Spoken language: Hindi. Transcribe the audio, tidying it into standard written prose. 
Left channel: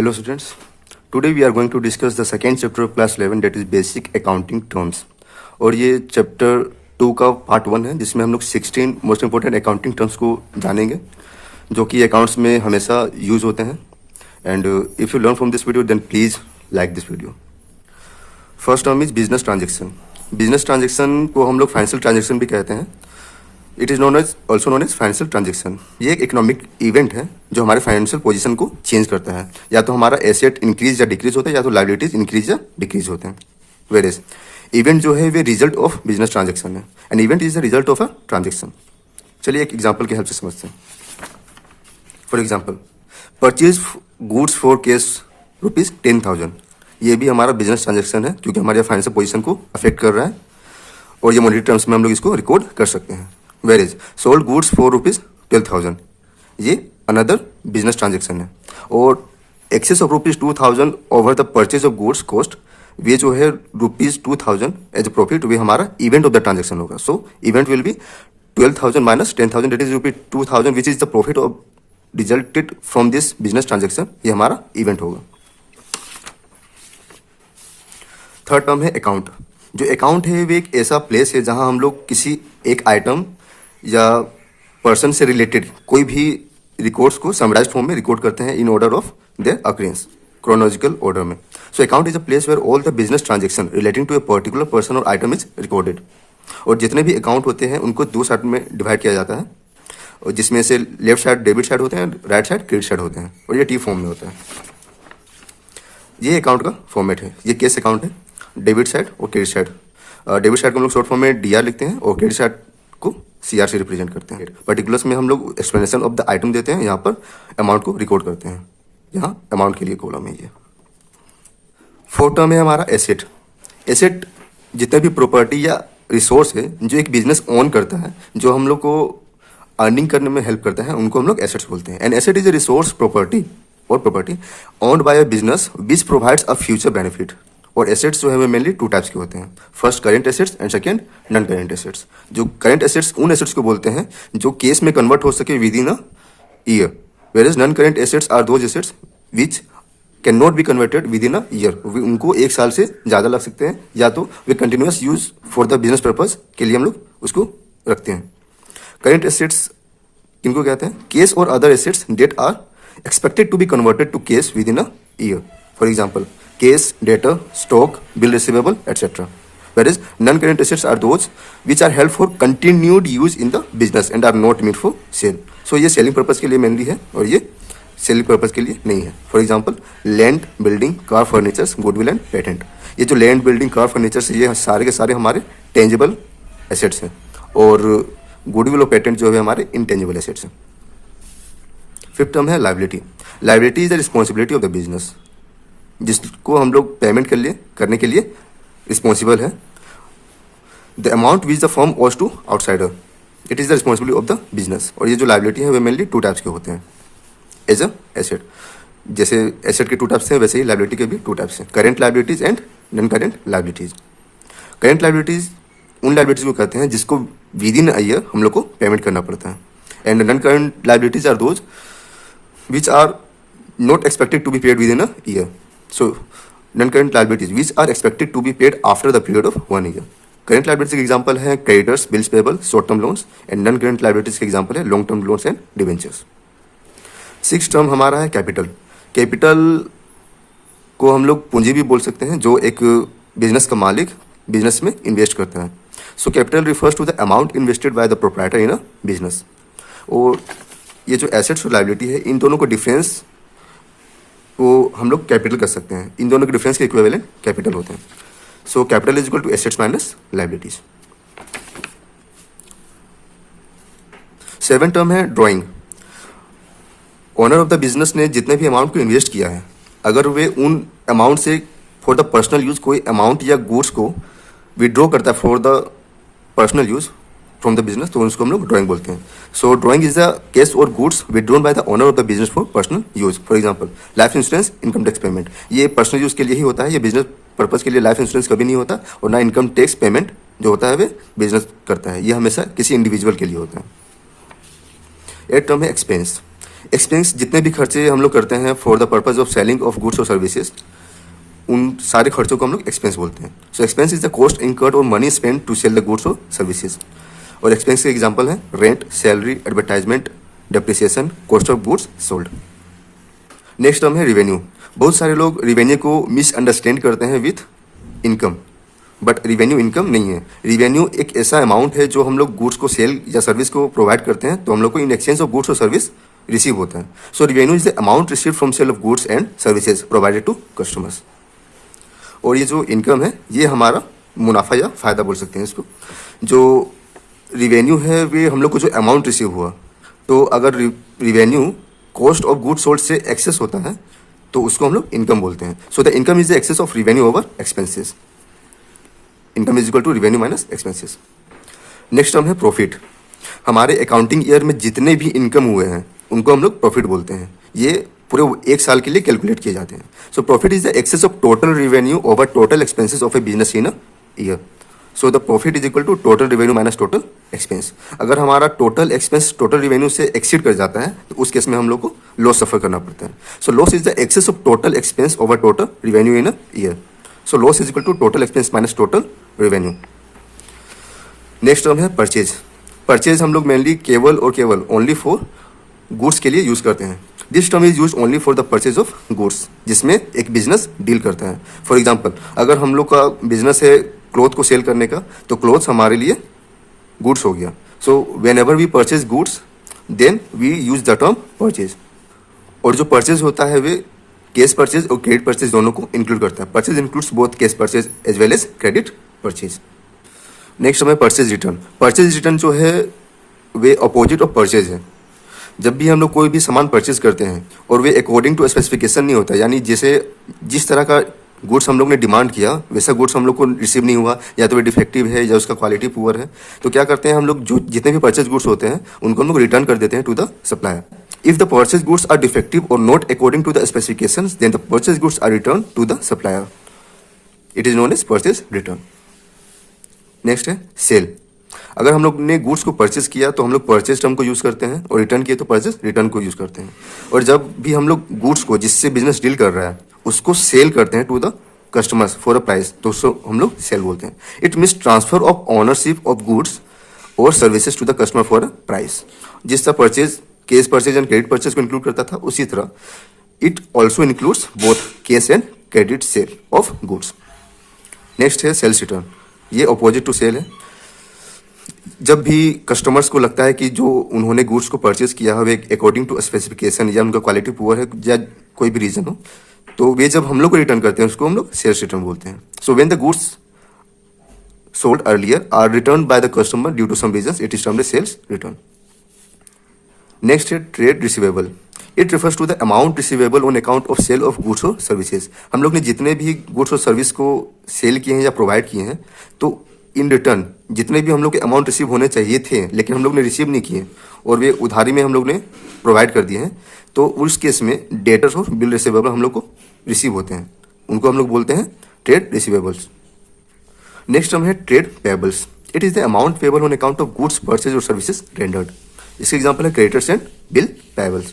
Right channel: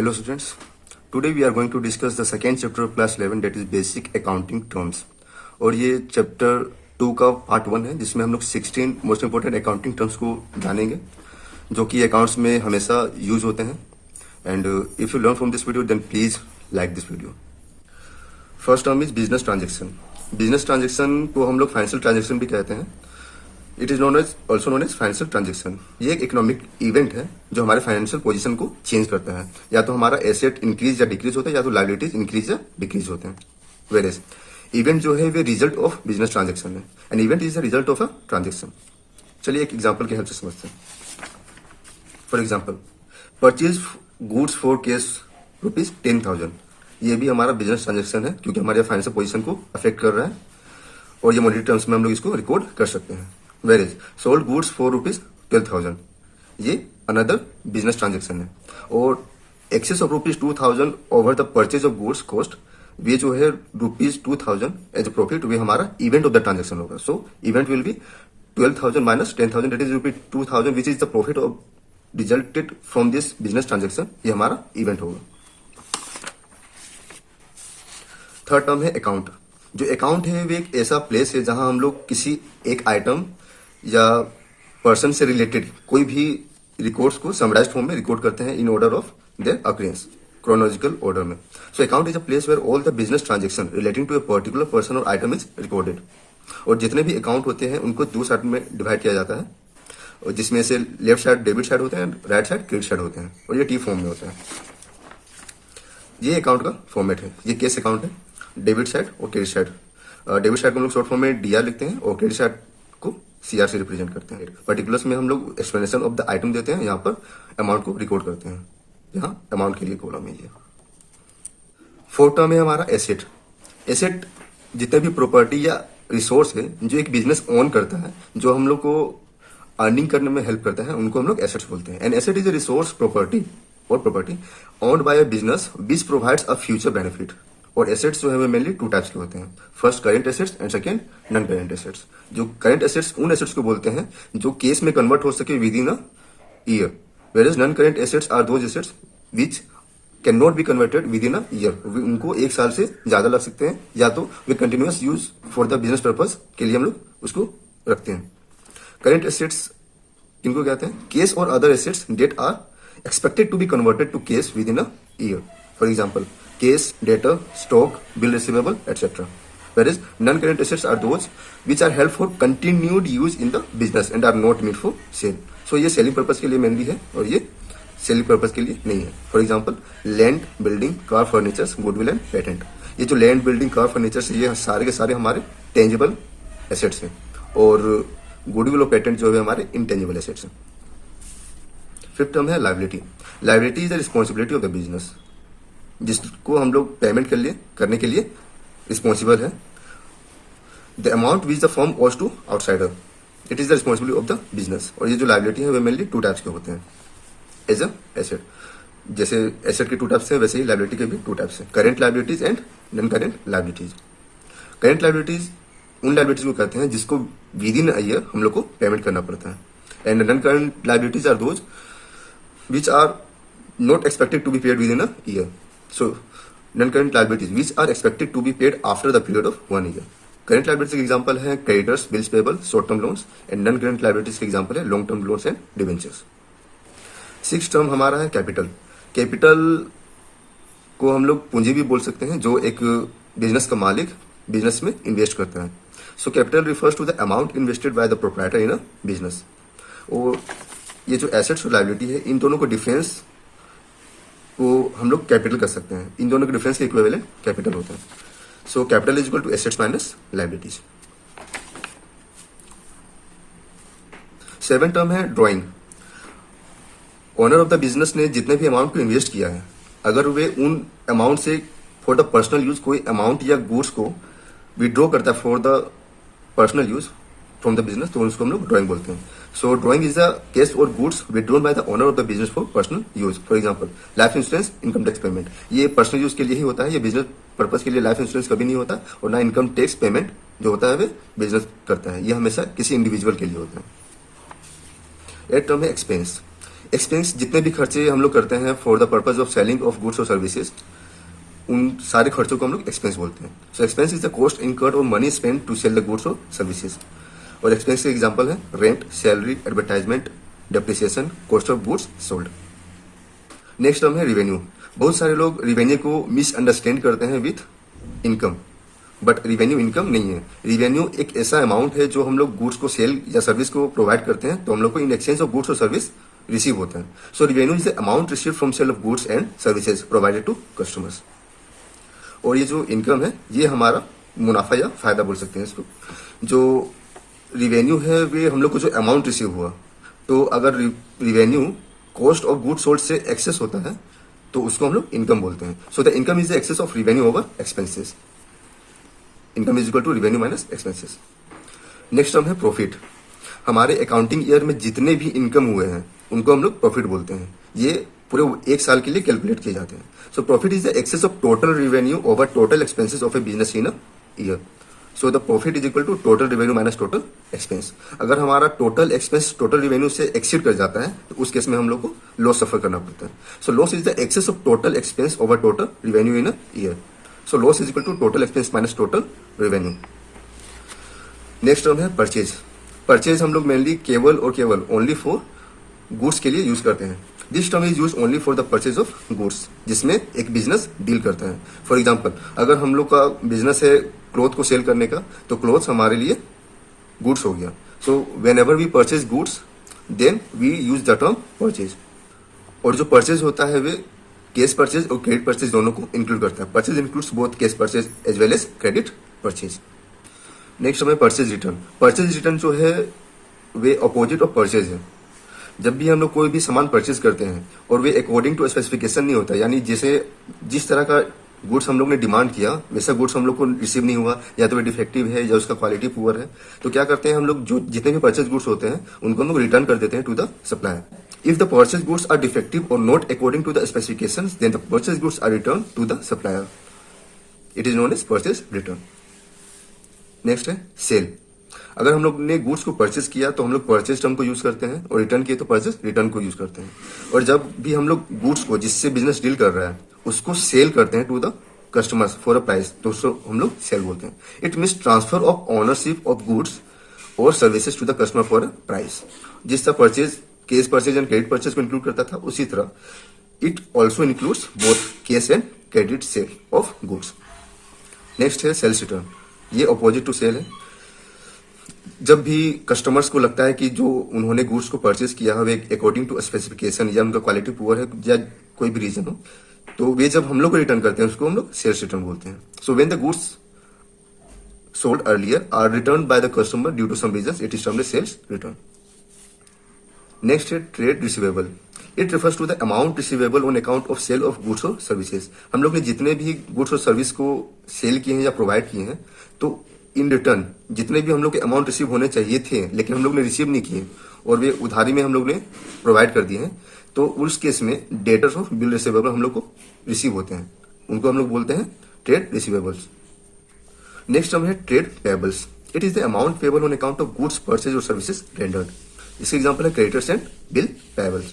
Hello students, today we are going to discuss the second chapter of class 11 that is basic accounting terms। और ये चैप्टर 2 का पार्ट 1 है जिसमें हम लोग 16 मोस्ट इंपोर्टेंट अकाउंटिंग टर्म्स को जानेंगे जो कि अकाउंट्स में हमेशा यूज होते हैं। And if you learn from this video then please like this video. First term is business transaction. Business transaction को हम लोग फाइनेंशियल ट्रांजेक्शन भी कहते हैं। It is also known as financial transaction. ये एक इकोनॉमिक इवेंट है जो हमारे फाइनेंशियल पोजीशन को चेंज करता है। या तो हमारा एसेट इंक्रीज या डिक्रीज होता है या तो लायबिलिटीज इंक्रीज या डिक्रीज होते हैं। वेरेज इवेंट जो है वे रिजल्ट ऑफ बिजनेस ट्रांजेक्शन है। An event is the result of a transaction. चलिए एक एग्जाम्पल की हेल्प से समझते हैं। For example purchase goods for cash ₹10,000। ये भी हमारा बिजनेस ट्रांजेक्शन है क्योंकि हमारे फाइनेंशियल पोजीशन को अफेक्ट कर रहा है और ये मॉनेटरी टर्म्स में हम लोग इसको रिकॉर्ड कर सकते हैं। वेरेज सोल्ड गुड्स फॉर ₹12,000, ये अनदर बिजनेस ट्रांजेक्शन है। और excess of ₹2,000 over the purchase of goods cost, ये जो है ₹2,000 एज अ प्रॉफिट, वे हमारा इवेंट ऑफ द ट्रांजेक्शन होगा। सो event will be 12,000 minus 10,000, that is ₹2,000 which is the profit of resulted from this business transaction. ये हमारा इवेंट होगा। थर्ड टर्म है अकाउंट। जो अकाउंट है वो एक ऐसा प्लेस है जहां हम लोग किसी एक आइटम या पर्सन से रिलेटेड कोई भी रिकॉर्ड्स को समराइज फॉर्म में रिकॉर्ड करते हैं in order of their occurrence, chronological order में। So account is a place where all the business transaction relating to a particular person और आइटम इज रिकॉर्डेड। और जितने भी अकाउंट होते हैं उनको दो साइड में डिवाइड किया जाता है, और जिसमें से लेफ्ट साइड डेबिट साइड होते हैं, राइट साइड क्रेडिट साइड होते हैं, और ये टी फॉर्म में होता है। ये अकाउंट का फॉर्मेट है। ये केस अकाउंट है, डेबिट साइड और क्रेडिट साइड। डेबिट साइड को हम लोग शॉर्ट फॉर्म में डीआर लिखते हैं और क्रेडिट साइड को सीआर से रिप्रेजेंट करते हैं। पर्टिकुलर्स में हम लोग एक्सप्लेनेशन ऑफ द आइटम देते हैं, यहाँ पर अमाउंट को रिकॉर्ड करते हैं। यहाँ अमाउंट के लिए कॉलम है ये। फोर्थ टर्म है हमारा एसेट। एसेट जितने भी प्रॉपर्टी या रिसोर्स है जो एक बिजनेस ओन करता है, जो हम लोग को अर्निंग करने में हेल्प करता है, उनको हम लोग एसेट्स बोलते हैं। And asset is a resource property owned by a business which provides a future benefit. और एसेट्स जो है मेनली टू टाइप्स के होते हैं। First current assets and second non current assets. जो करेंट एसेट्स उन एसेट्स को बोलते हैं जो केस में कन्वर्ट हो सके within a year, whereas non current assets are those assets which can not be converted within a year. उनको एक साल से ज्यादा लग सकते हैं या तो वे continuous use for the business purpose के लिए हम लोग उसको रखते हैं। करेंट एसेट्स किनको कहते हैं? केस और other assets that are expected to be converted to cash within a year. For example case, debtor, stock, bill receivable, etc. Whereas non-current assets are those which are held for continued use in the business and are not meant for sale. So ये selling purpose के लिए mainly है और ये selling purpose के लिए नहीं है। For example, land, building, car, furnitures, goodwill and patent. ये जो land, building, car, furnitures ये सारे के सारे हमारे tangible assets हैं और goodwill और patent जो है हमारे intangible assets हैं। फिफ्थ टर्म है liability. Liability is the responsibility of the business, जिसको हम लोग पेमेंट करने के लिए रिस्पॉन्सिबल है। The amount which the firm owes to outsider, it is the responsibility of the business. और ये जो लायबिलिटी है वे मेनली टू टाइप्स के होते हैं एज अ एसेट। जैसे एसेट के टू टाइप्स है वैसे ही लायबिलिटी के भी टू टाइप्स है, current liabilities and non current liabilities. Current liabilities उन लायबिलिटीज को कहते हैं जिसको विद इन अ ईयर हम लोग को पेमेंट करना पड़ता है। And non current liabilities are those which are not expected to be paid within a year. So, non-current liabilities which are expected to be paid after the period of 1 year. Current liabilities के एग्जाम्पल है creditors, bills payable, short term loans, and non-current liabilities के एग्जाम्पल है long term loans and debentures. Six term हमारा है कैपिटल। कैपिटल को हम लोग पूंजी भी बोल सकते हैं जो एक बिजनेस का मालिक बिजनेस में इन्वेस्ट करता है। So capital refers to the amount invested by the proprietor in a business. और ये जो एसेट्स और लायबिलिटी है इन दोनों को डिफरेंस को हम लोग कैपिटल कर सकते हैं। इन दोनों के डिफरेंस के इक्विवेलेंट कैपिटल होता है। So capital is equal to assets minus liabilities. Seven term है drawing. Owner of the business ने जितने भी अमाउंट को इन्वेस्ट किया है, अगर वे उन अमाउंट से फॉर द पर्सनल यूज कोई अमाउंट या गुड्स को विड्रॉ करता है for the personal use from the business, तो उसको हम लोग ड्राइंग बोलते हैं। So drawing is the cash और goods withdrawn by the owner of the business for personal use. For example life insurance, income tax payment, ये पर्सनल यूज के लिए ही होता है। ये बिजनेस पर्पज के लिए लाइफ इंश्योरेंस कभी नहीं होता और ना इनकम टैक्स पेमेंट जो होता है वे बिजनेस करता है, ये हमेशा किसी इंडिविजुअल के लिए होता है। एट टर्म है एक्सपेंस। एक्सपेंस जितने भी खर्चे हम लोग करते हैं for the purpose of selling of goods और सर्विसेज, उन सारे खर्चों को हम लोग एक्सपेंस बोलते हैं. So expense is the cost incurred और money spend to sell the goods और सर्विसेज. और एक्सपेंस के एग्जांपल है rent, salary, advertisement, depreciation, cost of goods sold. Next term है रिवेन्यू. बहुत सारे लोग रिवेन्यू को मिसअंडरस्टैंड करते हैं with income, but revenue income नहीं है. रिवेन्यू एक ऐसा अमाउंट है जो हम लोग गुड्स को सेल या सर्विस को प्रोवाइड करते हैं, तो हम लोग को इन एक्सचेंज ऑफ गुड्स और सर्विस रिसीव होता है. So revenue is the amount receive from sale of goods and services provided to customers. और ये जो इनकम है ये हमारा मुनाफा या फायदा बोल सकते हैं इसको. जो रिवेन्यू है वे हम लोग को जो अमाउंट रिसीव हुआ, तो अगर revenue cost of goods sold से एक्सेस होता है तो उसको हम लोग इनकम बोलते हैं. So the income is the excess of revenue over expenses. Income is equal to revenue minus expenses. Next term है प्रॉफिट. हमारे अकाउंटिंग ईयर में जितने भी इनकम हुए हैं उनको हम लोग प्रॉफिट बोलते हैं. ये पूरे एक साल के लिए कैलकुलेट किए जाते हैं. So profit is the excess of total revenue over total expenses of a business in a year. So the profit is equal to total revenue minus total expense. अगर हमारा टोटल एक्सपेंस टोटल रिवेन्यू से एक्सीड कर जाता है तो उस केस में हम लोग को लॉस सफर करना पड़ता है. So loss is the excess of total expense over total revenue in a year. So loss is equal to total expense minus total revenue. Next term है परचेज. परचेज हम लोग मेनली केवल और केवल ओनली फॉर गुड्स के लिए यूज करते हैं. This term is use only for the purchase of goods, जिसमें एक बिजनेस डील करता है. फॉर एग्जाम्पल, अगर हम लोग का बिजनेस है क्लोथ को सेल करने का, तो क्लोथ्स हमारे लिए गुड्स हो गया. So whenever we purchase goods then we use the term purchase. और जो परचेज होता है वे कैश परचेज और क्रेडिट परचेज दोनों को इंक्लूड करता है. Purchase includes both cash purchase as well as credit purchase. Next हमें परचेज रिटर्न. परचेज रिटर्न जो है वे अपोजिट ऑफ परचेज है. जब भी हम लोग कोई भी सामान परचेज करते हैं और वे अकॉर्डिंग टू स्पेसिफिकेशन नहीं होता, यानी जैसे जिस तरह का गुड्स हम लोग ने डिमांड किया वैसा गुड्स हम लोग को रिसीव नहीं हुआ, या तो वे डिफेक्टिव है या उसका क्वालिटी पुअर है, तो क्या करते हैं हम लोग, जो जितने भी परचेज गुड्स होते हैं उनको हम लोग रिटर्न कर देते हैं to the supplier. If the purchased goods are defective or not according to the specifications, then the purchased goods are returned to the supplier. It is known as purchase return. Next है सेल. अगर हम लोग ने गुड्स को परचेज किया तो हम लोग परचेज टर्म को यूज करते हैं, और रिटर्न किए तो परचेज रिटर्न को यूज करते हैं. और जब भी हम लोग गुड्स को जिससे बिजनेस डील कर रहा है उसको सेल करते हैं to the customers for a price, तो उसको हम लोग सेल बोलते हैं. It means transfer of ownership of goods और services to the customer for a price. जिस तरह purchase cash purchase and credit purchase को इंक्लूड करता था, उसी तरह it also includes both cash and credit sale of goods. Next है सेल्स रिटर्न. ये अपोजिट टू सेल है. जब भी कस्टमर्स को लगता है कि जो उन्होंने गुड्स को परचेज किया है वे अकॉर्डिंग टू स्पेसिफिकेशन या उनका क्वालिटी पुअर है या कोई भी रीजन हो, तो वे जब हम लोग को रिटर्न करते हैं उसको हम लोग सेल्स रिटर्न बोलते हैं. So when the goods sold earlier are returned by the customer due to some reasons, it is termed as sales return. Next है trade receivable. It refers to the amount receivable on account of sale of goods or services. हम लोग ने जितने भी गुड्स और सर्विस को सेल किए हैं या प्रोवाइड किए हैं, तो इन रिटर्न जितने भी हम लोग के अमाउंट रिसीव होने चाहिए थे लेकिन हम लोग ने रिसीव नहीं किए और वे उधारी में हम लोग ने प्रोवाइड कर दिए हैं, तो उस केस में डेटर्स और बिल रिसीवेबल हम लोग को रिसीव होते हैं. उनको हम लोग बोलते हैं ट्रेड रिसीवेबल्स. नेक्स्ट टर्म है trade payables. It is the amount payable on account of goods purchase और सर्विसेज रेंडर्ड. इसके एग्जांपल है क्रेडिटर्स एंड बिल पेबल्स.